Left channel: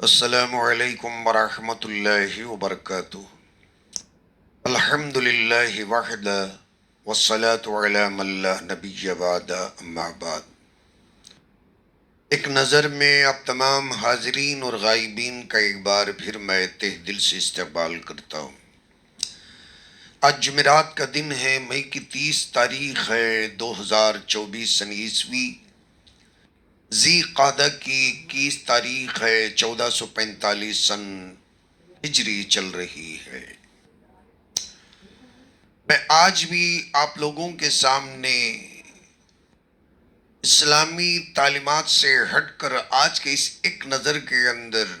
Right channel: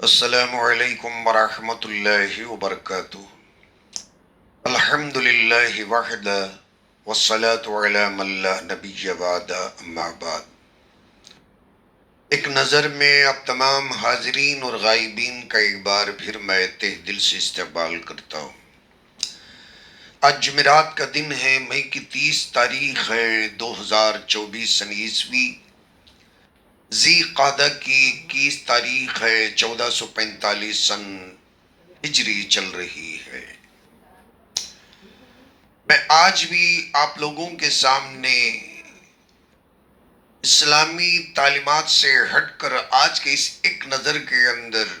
السلام علیکم ورحمۃ اللہ وبرکاتہ۔ الحمد للہ وحدہ والصلاة علی من لا نبی بعد، اما بعد۔ ایک نظر میں آپ تمام حاضرین اور غائبین کا ایک بار پھر میں تہ دل سے استقبال کرتا ہوں۔ آج جمعرات کا دن ہے، مئی کی 30 تاریخ ہے 2024 سن عیسوی۔ ذی قعدہ کی 21 تاریخ ہے 1445 سن ہجری چل رہی ہے۔ میں آج بھی آپ لوگوں کے سامنے اسلامی تعلیمات سے ہٹ کر آج کے اس ایک نظر کے اندر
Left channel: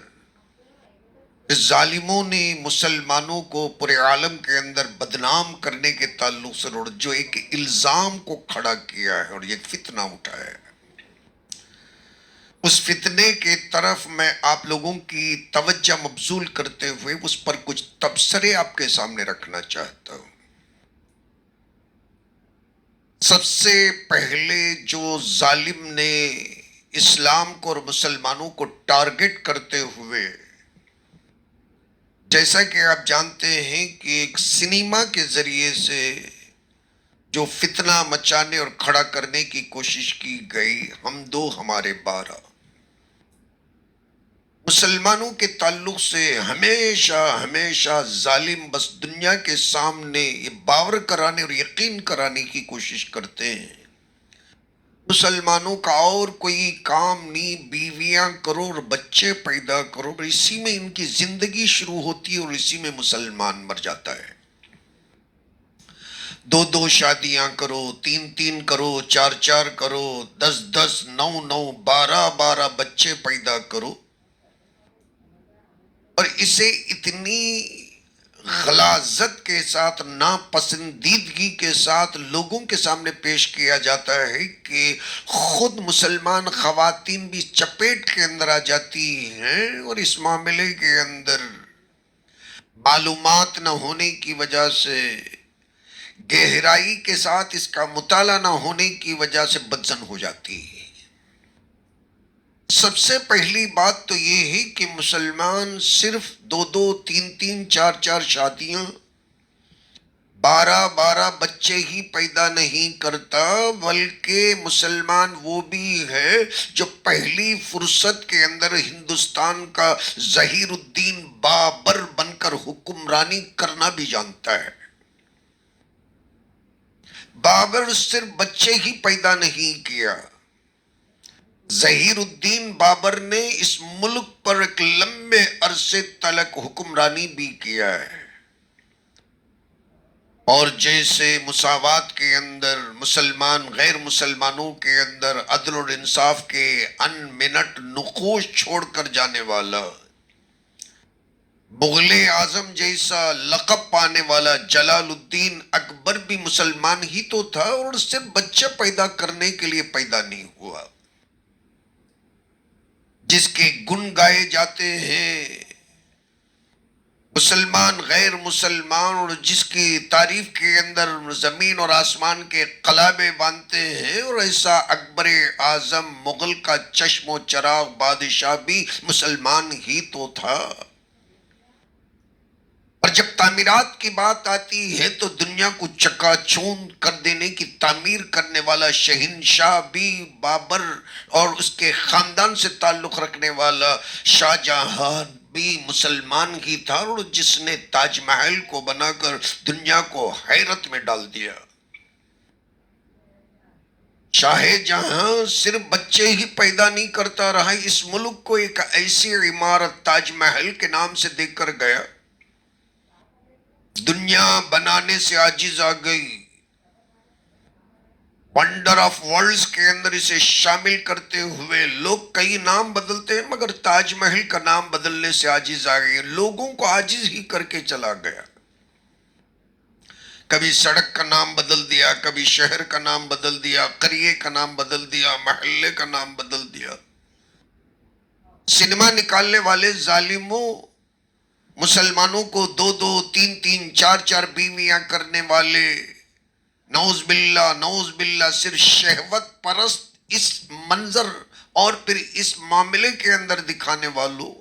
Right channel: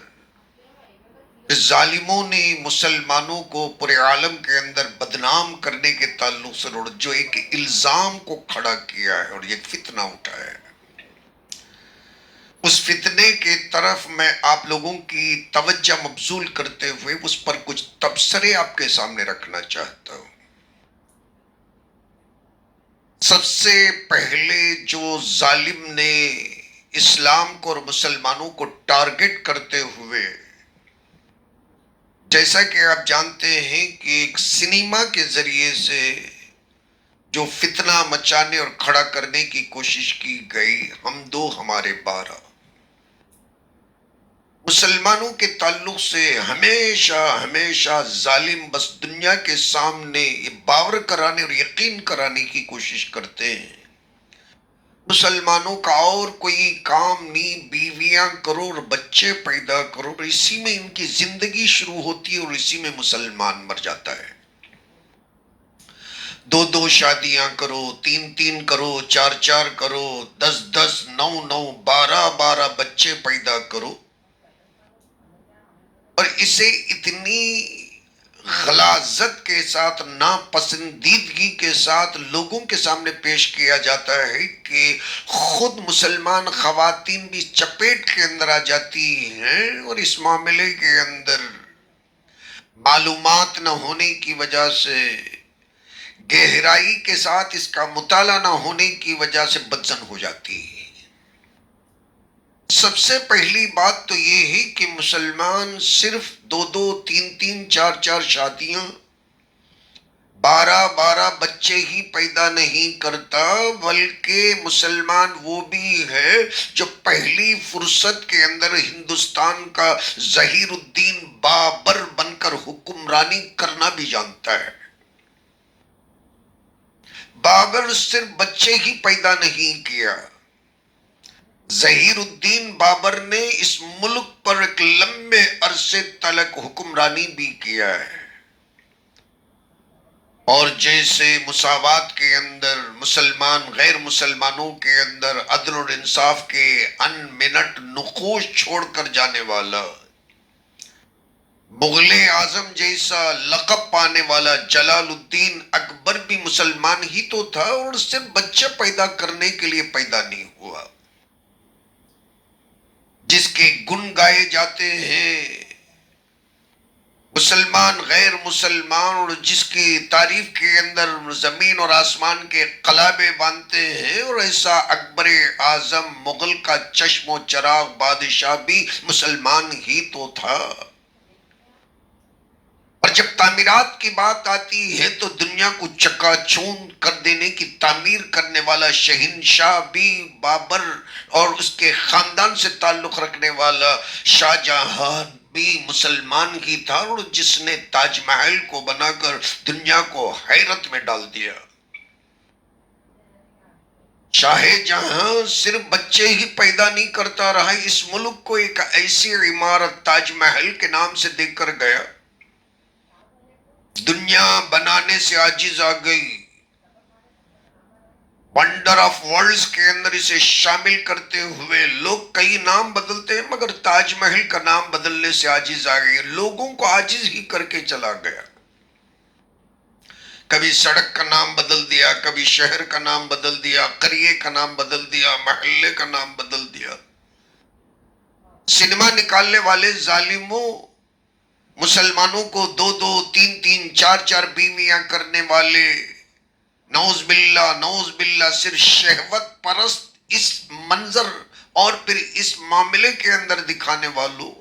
جس ظالموں نے مسلمانوں کو پورے عالم کے اندر بدنام کرنے کے تعلق سے جو ایک الزام کو کھڑا کیا ہے اور ایک فتنہ اٹھا ہے، اس فتنے کے طرف میں آپ لوگوں کی توجہ مبذول کرتے ہوئے اس پر کچھ تبصرے آپ کے سامنے رکھنا چاہتا ہوں۔ سب سے پہلے جو ظالم نے اسلام کو اور مسلمانوں کو ٹارگٹ کرتے ہوئے، جیسا کہ آپ جانتے ہیں کہ ایک سنیما کے ذریعے سے جو فتنہ مچانے اور کھڑا کرنے کی کوشش کی گئی، ہم دو ہمارے 12، مسلمانوں کے تعلق سے ہمیشہ ہمیشہ ظالم بس دنیا کے سامنے یہ باور کرانے اور یقین کرانے کی کوشش کرتے ہیں مسلمانوں کا اور کوئی کام نہیں، بیویاں کرو اور بچے پیدا کرو، اور اسی میں ان کی زندگی شروع ہوتی ہے اور اسی میں مسلمان مر جاتا ہے۔ 2 شادیاں کرو، 3 کرو، 4 کرو، 10 9 12 بچے پیدا کرو، اور اسے اتنی غلاظت کے ساتھ، ناپسندیدگی کے ساتھ لوگوں کے سامنے پیش کیا جاتا ہے کہ خود مسلمان خواتین بھی چپیٹ کے اندر آ جاتی ہیں، اور اس معاملے کے اندر معلومات نہ ہونے کی وجہ سے، گہرائی کے ساتھ اس کا مطالعہ نہ ہونے کی وجہ سے بدزن ہو جاتی ہے۔ سب سے پہلی بات تو یہ ہے کہ مسلمان صرف 2 4 شادیاں، 12 بچے ہی پیدا نہیں کرتا، بلکہ مسلمان وہ بھی ہے جو پہلی فرصت کے اندر ہندوستان کا ظہیر الدین بابر بن کر حکمرانی کرنا بھی جانتا ہے۔ بابر صرف بچے ہی پیدا نہیں کیا، ظہیر الدین بابر نے اس ملک پر ایک لمبے عرصے تلک حکمرانی بھی کیا ہے، اور جیسے مساوات کے اندر مسلمان غیر مسلمانوں کے اندر عدل اور انصاف کے ان منٹ نقوش چھوڑ کر جانے والا، مغل اعظم جیسا لقب پانے والا جلال الدین اکبر بھی مسلمان ہی تو تھا، اور صرف بچے پیدا کرنے کے لیے پیدا نہیں ہوا۔ جس کے گن گائے جاتے ہیں مسلمان غیر مسلمان، اور جس کی تعریف کے اندر زمین اور آسمان کے قلابے باندھتے ہیں، اور ایسا اکبر اعظم مغل کا چشم و چراغ بادشاہ بھی مسلمان ہی تو تھا۔ اور جب تعمیرات کی بات آتی ہے تو دنیا کو چکا چوند کر دینے کی تعمیر کرنے والا شہنشاہ بھی بابر اور اس کے خاندان سے تعلق رکھنے والا شاہ جہاں بھی مسلمان ہی تھا، اور جس نے تاج محل کو بنا کر دنیا کو حیرت میں ڈال دیا۔ شاہ جہاں صرف بچے ہی پیدا نہیں کرتا رہا، اس ملک کو ایک ایسی عمارت تاج محل کے نام سے دے کر گیا، دنیا بنانے سے عاجز آ گئی، ونڈر آف ورلڈز کے اندر اسے شامل کرتے ہوئے لوگ کئی نام بدلتے ہیں، مگر تاج محل کا نام بدلنے سے عاجز آ گئی، لوگوں کو عاجز ہی کر کے چلا گیا۔ کبھی سڑک کا نام بدل دیا، کبھی شہر کا نام بدل دیا، قریے کا نام بدل دیا، محلے کا نام بدل دیا۔ سنیما نکالنے والے ظالموں، مسلمانوں کو 2 4 بیویاں کرنے والے، نعوذ باللہ صرف شہوت پرست اس منظر اور پھر اس معاملے کے اندر دکھانے والوں،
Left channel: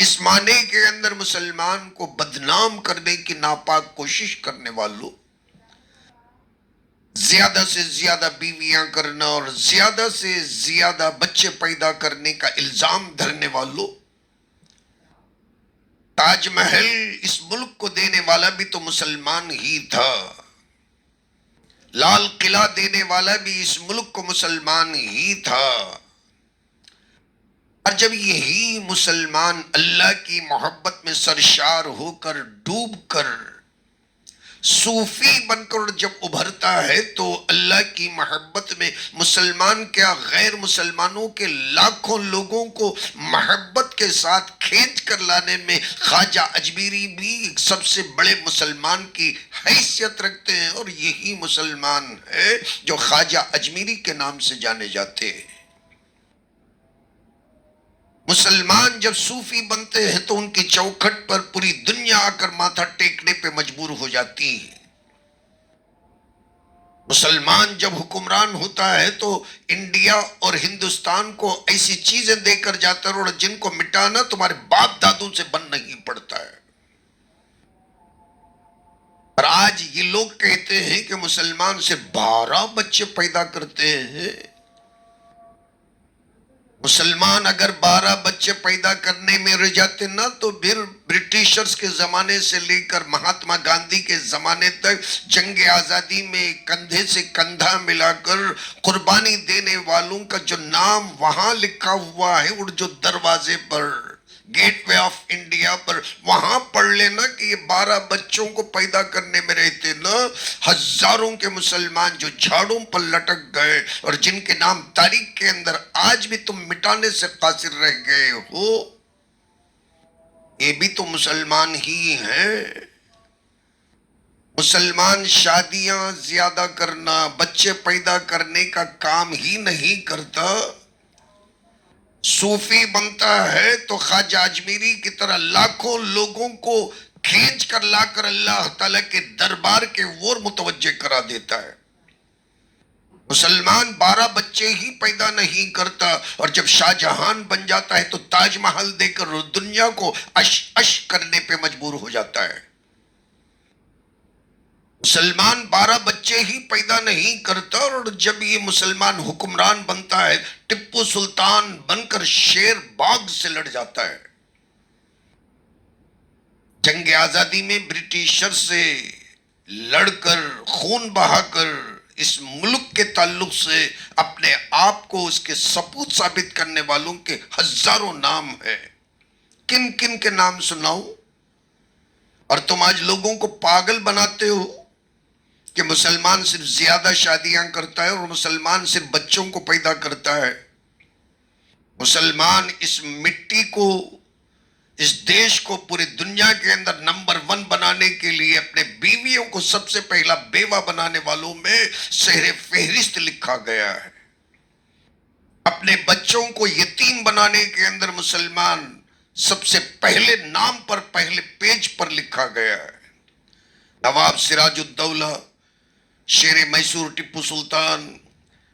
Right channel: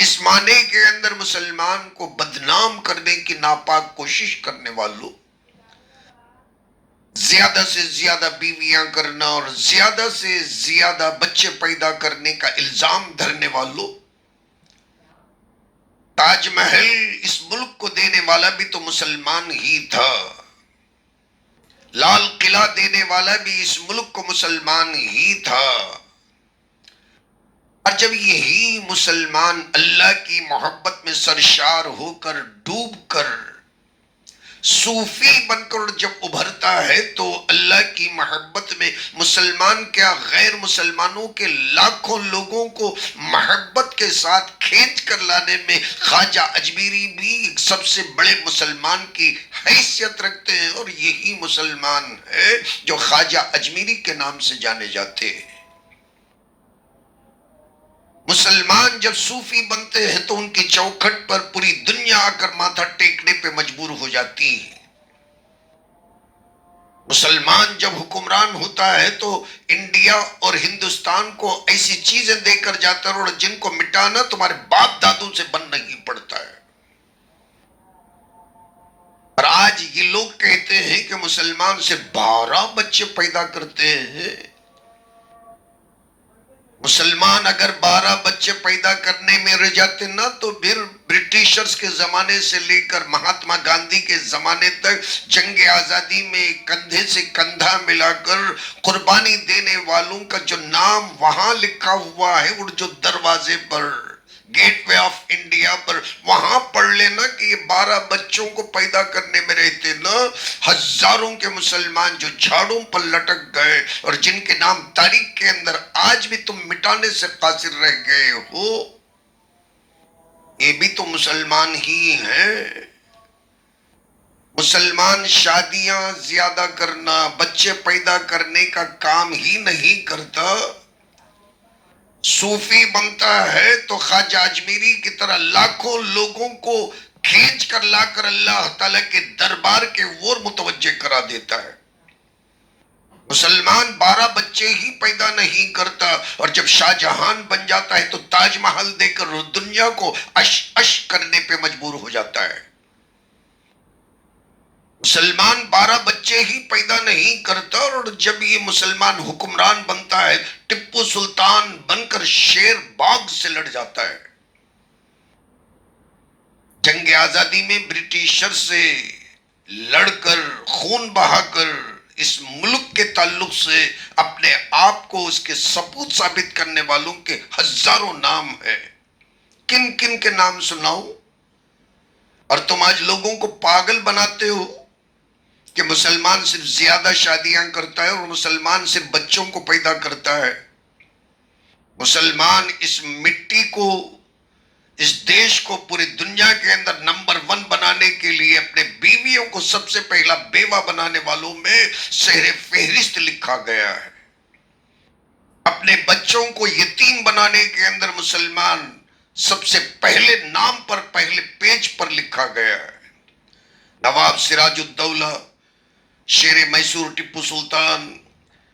اس معنی کے اندر مسلمان کو بدنام کرنے کی ناپاک کوشش کرنے والوں، زیادہ سے زیادہ بیویاں کرنا اور زیادہ سے زیادہ بچے پیدا کرنے کا الزام دھرنے والوں، تاج محل اس ملک کو دینے والا بھی تو مسلمان ہی تھا، لال قلعہ دینے والا بھی اس ملک کو مسلمان ہی تھا، اور جب یہی مسلمان اللہ کی محبت میں سرشار ہو کر ڈوب کر صوفی بن کر جب ابھرتا ہے تو اللہ کی محبت میں مسلمان کیا غیر مسلمانوں کے لاکھوں لوگوں کو محبت کے ساتھ کھینچ کر لانے میں خواجہ اجمیری بھی سب سے بڑے مسلمان کی حیثیت رکھتے ہیں، اور یہی مسلمان ہے جو خواجہ اجمیری کے نام سے جانے جاتے ہیں۔ مسلمان جب صوفی بنتے ہیں تو ان کی چوکھٹ پر پوری دنیا آ کر ماتھا ٹیکنے پہ مجبور ہو جاتی ہے۔ مسلمان جب حکمران ہوتا ہے تو انڈیا اور ہندوستان کو ایسی چیزیں دے کر جاتا ہے اور جن کو مٹانا تمہارے باپ دادوں سے بن نہیں پڑتا ہے۔ اور آج یہ لوگ کہتے ہیں کہ مسلمان صرف 12 بچے پیدا کرتے ہیں۔ مسلمان اگر 12 بچے پیدا کرنے میں رہ جاتے نا تو پھر برٹشرز کے زمانے سے لے کر مہاتما گاندھی کے زمانے تک جنگ آزادی میں کندھے سے کندھا ملا کر قربانی دینے والوں کا جو نام وہاں لکھا ہوا ہے اور جو دروازے پر گیٹ وے آف انڈیا پر وہاں پڑھ لینا کہ یہ 12 بچوں کو پیدا کرنے میں رہتے نا، ہزاروں کے مسلمان جو جھاڑوں پر لٹک گئے اور جن کے نام تاریخ کے اندر آج بھی تم مٹانے سے قاصر رہ گئے ہو، یہ بھی تو مسلمان ہی ہیں۔ مسلمان شادیاں زیادہ کرنا، بچے پیدا کرنے کا کام ہی نہیں کرتا، صوفی بنتا ہے تو خواجہ اجمیری کی طرح لاکھوں لوگوں کو کھینچ کر لا کر اللہ تعالیٰ کے دربار کے اور متوجہ کرا دیتا ہے۔ مسلمان 12 بچے ہی پیدا نہیں کرتا، اور جب شاہ جہان بن جاتا ہے تو تاج محل دے کر دنیا کو اش اش کرنے پہ مجبور ہو جاتا ہے۔ مسلمان 12 بچے ہی پیدا نہیں کرتا، اور جب یہ مسلمان حکمران بنتا ہے ٹپو سلطان بن کر شیر باغ سے لڑ جاتا ہے۔ جنگ آزادی میں برٹشر سے لڑ کر خون بہا کر اس ملک کے تعلق سے اپنے آپ کو اس کے ثبوت ثابت کرنے والوں کے ہزاروں نام ہیں۔ کن کن کے نام سناؤ؟ اور تم آج لوگوں کو پاگل بناتے ہو کہ مسلمان صرف زیادہ شادیاں کرتا ہے اور مسلمان صرف بچوں کو پیدا کرتا ہے۔ مسلمان اس مٹی کو، اس دیش کو پوری دنیا کے اندر نمبر 1 بنانے کے لیے اپنے بیویوں کو سب سے پہلا بیوہ بنانے والوں میں سہر فہرست لکھا گیا ہے۔ اپنے بچوں کو یتیم بنانے کے اندر مسلمان سب سے پہلے نام پر پہلے پیج پر لکھا گیا ہے۔ نواب سراج الدولہ، شیر میسور ٹپو سلطان،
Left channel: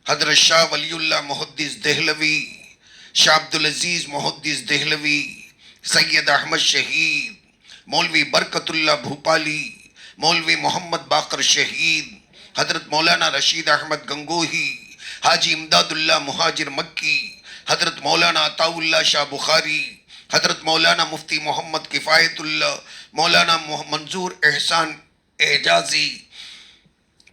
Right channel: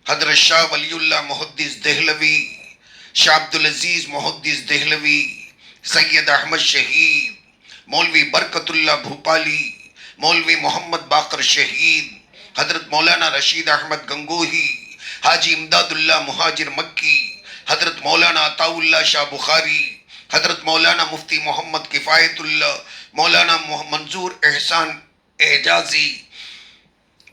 حضرت شاہ ولی اللہ محدث دہلوی، شاہ عبدالعزیز محدث دہلوی، سید احمد شہید، مولوی برکت اللہ بھوپالی، مولوی محمد باقر شہید، حضرت مولانا رشید احمد گنگوہی، حاجی امداد اللہ مہاجر مکی، حضرت مولانا عطاء اللہ شاہ بخاری، حضرت مولانا مفتی محمد کفایت اللہ، مولانا منظور احسان اعجازی،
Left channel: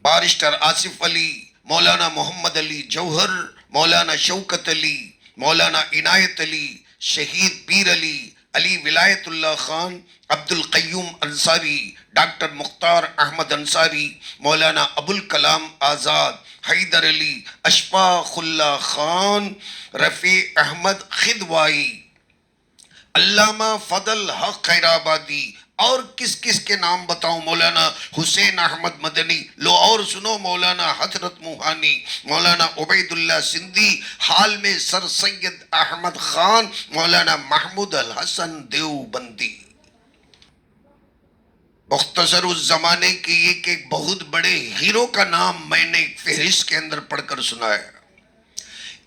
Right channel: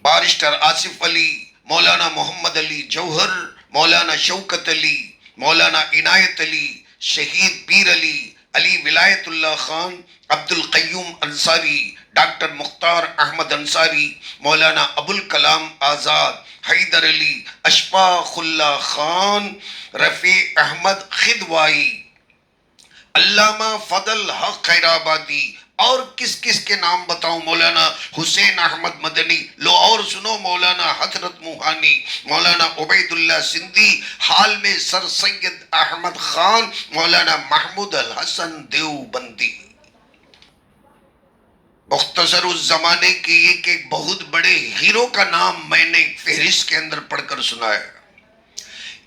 بارسٹر آصف علی، مولانا محمد علی جوہر، مولانا شوکت علی، مولانا عنایت علی، شہید پیر علی، علی ولایت اللہ خان، عبد القیوم انصاری، ڈاکٹر مختار احمد انصاری، مولانا ابوالکلام آزاد، حیدر علی، اشفاق اللہ خان، رفیع احمد خدوائی، علامہ فضل حق خیرآبادی، اور کس کس کے نام بتاؤں؟ مولانا حسین احمد مدنی، لو اور سنو، مولانا حضرت موہانی، مولانا عبید اللہ سندھی، حال میں سر سید احمد خان، مولانا محمود الحسن دیوبندی۔ مختصر اس زمانے کے ایک بہت بڑے ہیرو کا نام میں نے فہرست کے اندر پڑھ کر سنایا۔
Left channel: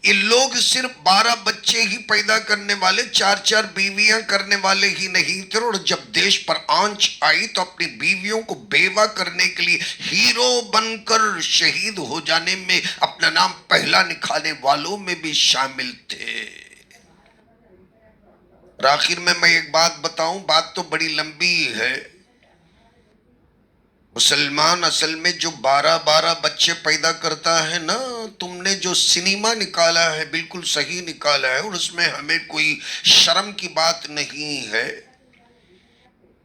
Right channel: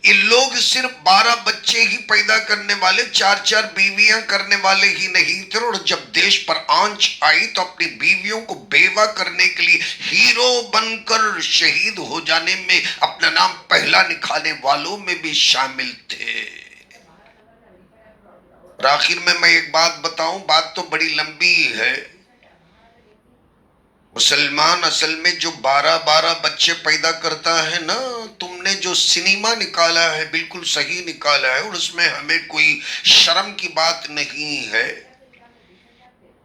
یہ لوگ صرف 12 بچے ہی پیدا کرنے والے، 4 بیویاں کرنے والے ہی نہیں تھے، اور جب دیش پر آنچ آئی تو اپنی بیویوں کو بیوہ کرنے کے لیے ہیرو بن کر شہید ہو جانے میں اپنا نام پہلا نکھانے والوں میں بھی شامل تھے۔ اور آخر میں ایک بات بتاؤں، بات تو بڑی لمبی ہے۔ مسلمان اصل میں جو 12 بچے پیدا کرتا ہے نا، تم نے جو سنیما نکالا ہے بالکل صحیح نکالا ہے، اور اس میں ہمیں کوئی شرم کی بات نہیں ہے۔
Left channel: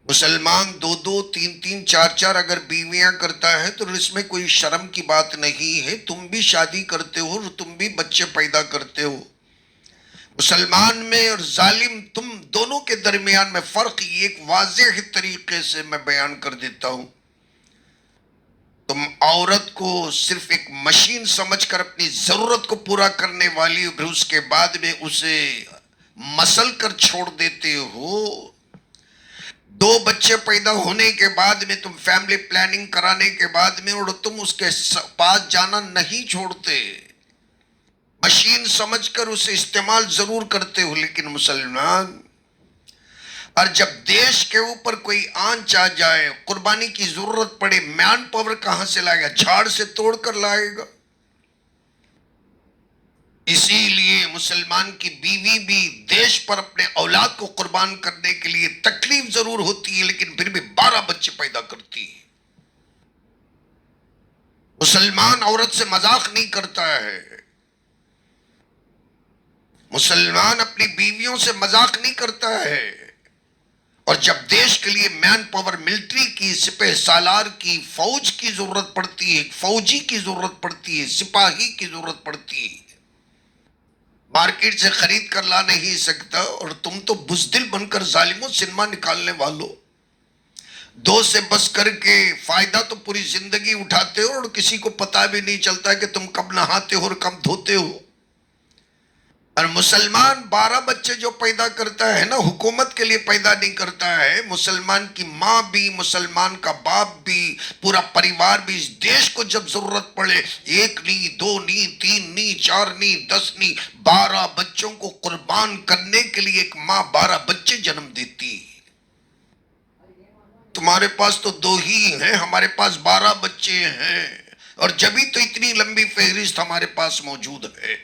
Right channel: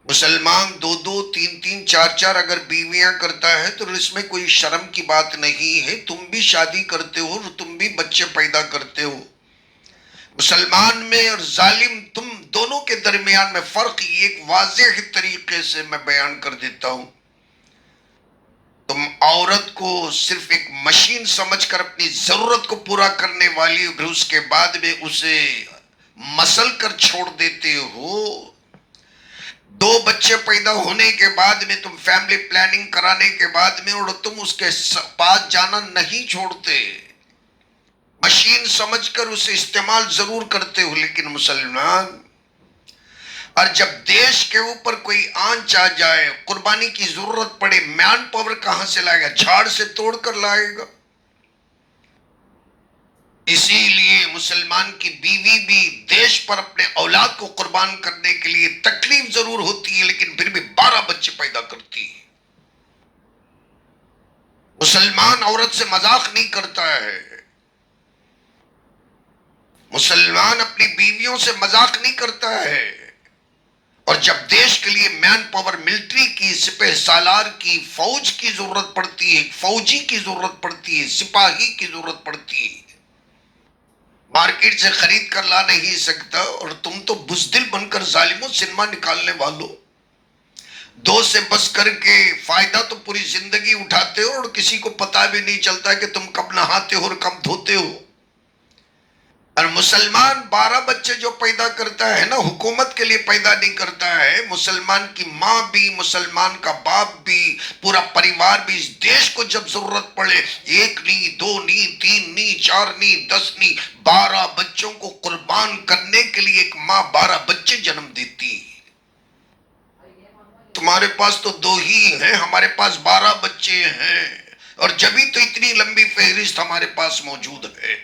مسلمان 2 3 4 اگر بیویاں کرتا ہے تو اس میں کوئی شرم کی بات نہیں ہے۔ تم بھی شادی کرتے ہو اور تم بھی بچے پیدا کرتے ہو۔ مسلمان میں اور ظالم تم دونوں کے درمیان میں فرق ایک واضح طریقے سے میں بیان کر دیتا ہوں۔ تم عورت کو صرف ایک مشین سمجھ کر اپنی ضرورت کو پورا کرنے والی، پھر اس کے بعد میں اسے مسل کر چھوڑ دیتے ہو۔ 2 بچے پیدا ہونے کے بعد میں تم فیملی پلاننگ کرانے کے بعد میں اور تم اس کے پاس جانا نہیں چھوڑتے، مشین سمجھ کر اسے استعمال ضرور کرتے ہو۔ لیکن مسلمان، اور جب دیش کے اوپر کوئی آنچ آ جائے، قربانی کی ضرورت پڑے، مین پاور کہاں سے لائے گا؟ جھاڑ سے توڑ کر لائے گا۔ اسی لیے مسلمان کی بیوی بھی دیش پر اپنے اولاد کو قربان کرنے کے لیے تکلیف ضرور ہوتی ہے، لیکن پھر بھی 12 بچے پیدا کرتی ہے۔ مسلمان عورت سے مذاق نہیں کرتا ہے، مسلمان اپنی بیویوں سے مذاق نہیں کرتا ہے۔ اور جب دیش کے لیے مین پاور، ملٹری کی، سپہ سالار کی، فوج کی ضرورت پڑتی ہے، فوجی کی ضرورت پڑتی ہے، سپاہی کی ضرورت پڑتی ہے، مارکیٹ سے خرید کر لا نہیں سکتا، اور تم تو بزدل بن کر ظالموں سنیما نکالنے والوں 2 سے بس کر کے فائدہ تو پوری زندگی اٹھاتے ہو، اور کسی کو پتا بھی نہیں چلتا کہ تم کب نہاتے ہو اور کب دھوتے ہو۔ اور مسلمان 12 بچے جو پیدا کرتا ہے نا، حکومت کے لیے پیدا نہیں کرتا ہے۔ مسلمان کی ماں بھی، مسلمان کا باپ بھی، پورا پریوار بھی، اس دیش کو جب ضرورت پڑے 1 نہیں، 2 نہیں، 3 نہیں، 4 نہیں، 10 نہیں، 12 بچوں کو قربان کرنے کے لیے ایک ماں 12 بچے جنم دیتی۔ تمہارے پاس تو 2 ہی ہیں، ہمارے پاس 12 بچے ہیں، اور جبھی تو اتنی لمبی فہرست ہمارے پاس موجود ہے۔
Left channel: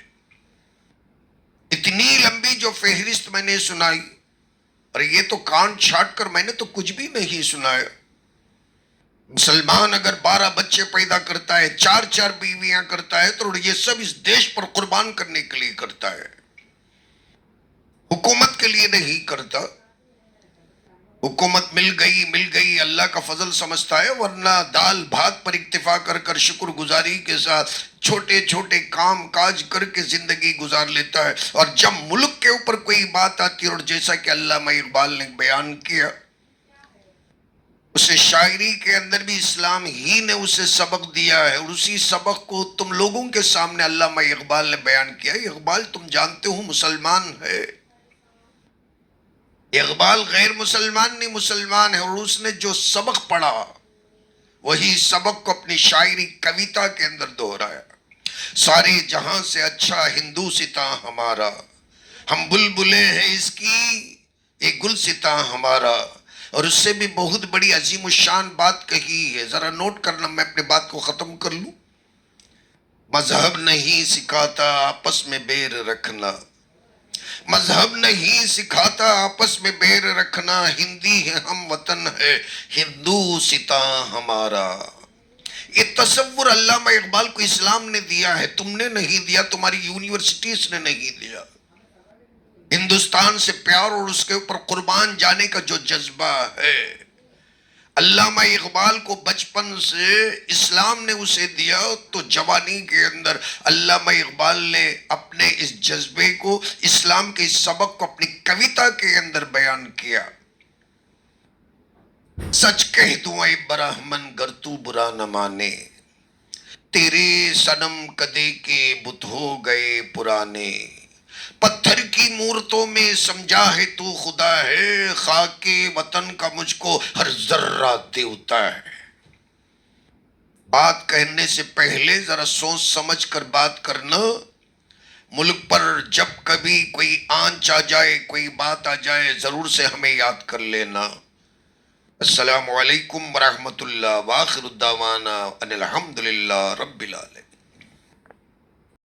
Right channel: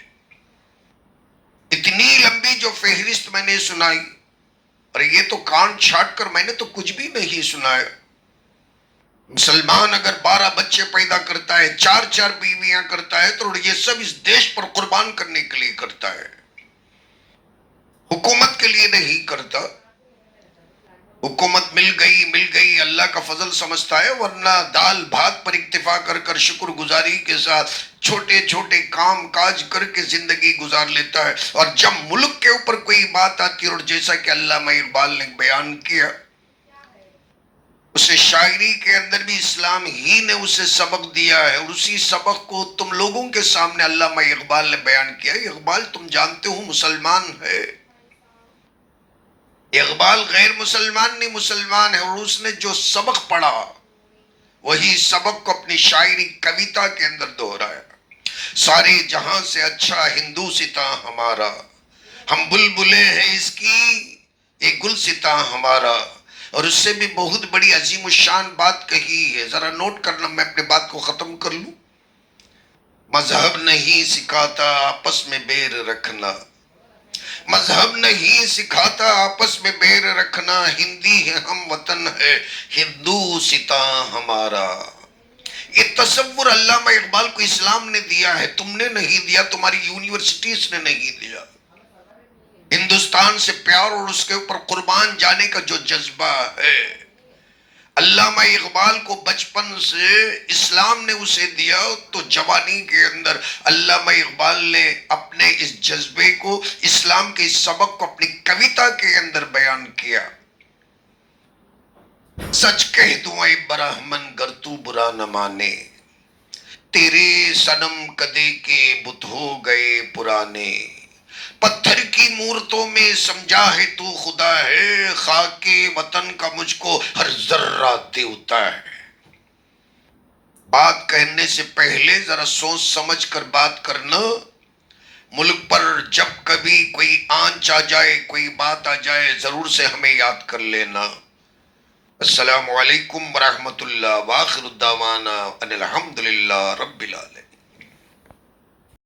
اتنی لمبی جو فہرست میں نے سنائی، اور یہ تو کان چھاٹ کر میں نے تو کچھ بھی نہیں سنایا۔ مسلمان اگر 12 بچے پیدا کرتا ہے، 4 بیویاں کرتا ہے، تو یہ سب اس دیش پر قربان کرنے کے لیے کرتا ہے، حکومت کے لیے نہیں کرتا۔ حکومت مل گئی اللہ کا فضل سمجھتا ہے، ورنہ دال بھات پر اکتفا کر کر شکر گزاری کے ساتھ چھوٹے چھوٹے کام کاج کر کے زندگی گزار لیتا ہے۔ اور جب ملک کے اوپر کوئی بات آتی ہے، اور جیسا کہ علامہ اقبال نے بیان کیا، اسے شاعری کے اندر بھی اسلام ہی نے اسے سبق دیا ہے، اور اسی سبق کو تم لوگوں کے سامنے علامہ اقبال نے بیان کیا۔ اقبال تم جانتے ہو مسلمان ہے، اقبال غیر مسلمان نہیں، مسلمان ہے، اور اس نے جو سبق پڑھا وہی سبق کو اپنی شاعری کویتا کے اندر دہرایا۔ سارے جہاں سے اچھا ہندوستاں ہمارا، ہم بلبلیں ہیں اس کی ایک گلستاں ہمارا۔ اور اس سے بھی بہت بڑی عظیم الشان بات کہی ہے، ذرا نوٹ کرنا، میں اپنے بات کو ختم کر لوں۔ مذہب نہیں سکھاتا آپس میں بیر رکھنا، مذہب نہیں سکھاتا آپس میں بیر رکھنا، ہندی ہے ہم وطن ہے ہندوستاں ہمارا۔ یہ تصور علامہ اقبال کو اسلام نے دیا ہے، تم نے نہیں دیا، تمہاری یونیورسٹیز نے نہیں دیا۔ ہندوستان سے پیار اور اس کے اوپر قربان جانے کا جو جذبہ ہے، علامہ اقبال کو بچپن سے اسلام نے اسے دیا، تو جوانی کے اندر علامہ اقبال نے اپنے اس جذبے کو، اسلام کے اس سبق کو اپنی کویتا کے اندر بیان کیا۔ سچ کہہ دوں اے براہمن گر تو برا نہ مانے، تیرے صنم کدے کے بت ہو گئے پرانے، پتھر کی مورتوں میں سمجھا ہے تو خدا ہے، خاک وطن کا مجھ کو ہر ذرہ دیوتا ہے۔ بات کہنے سے پہلے ذرا سوچ سمجھ کر بات کرنا، ملک پر جب کبھی کوئی آنچ آ جائے، کوئی بات آ جائے، ضرور سے ہمیں یاد کر لینا۔ السلام علیکم ورحمۃ اللہ، وآخر الدعوانا ان الحمد للہ رب العالمین۔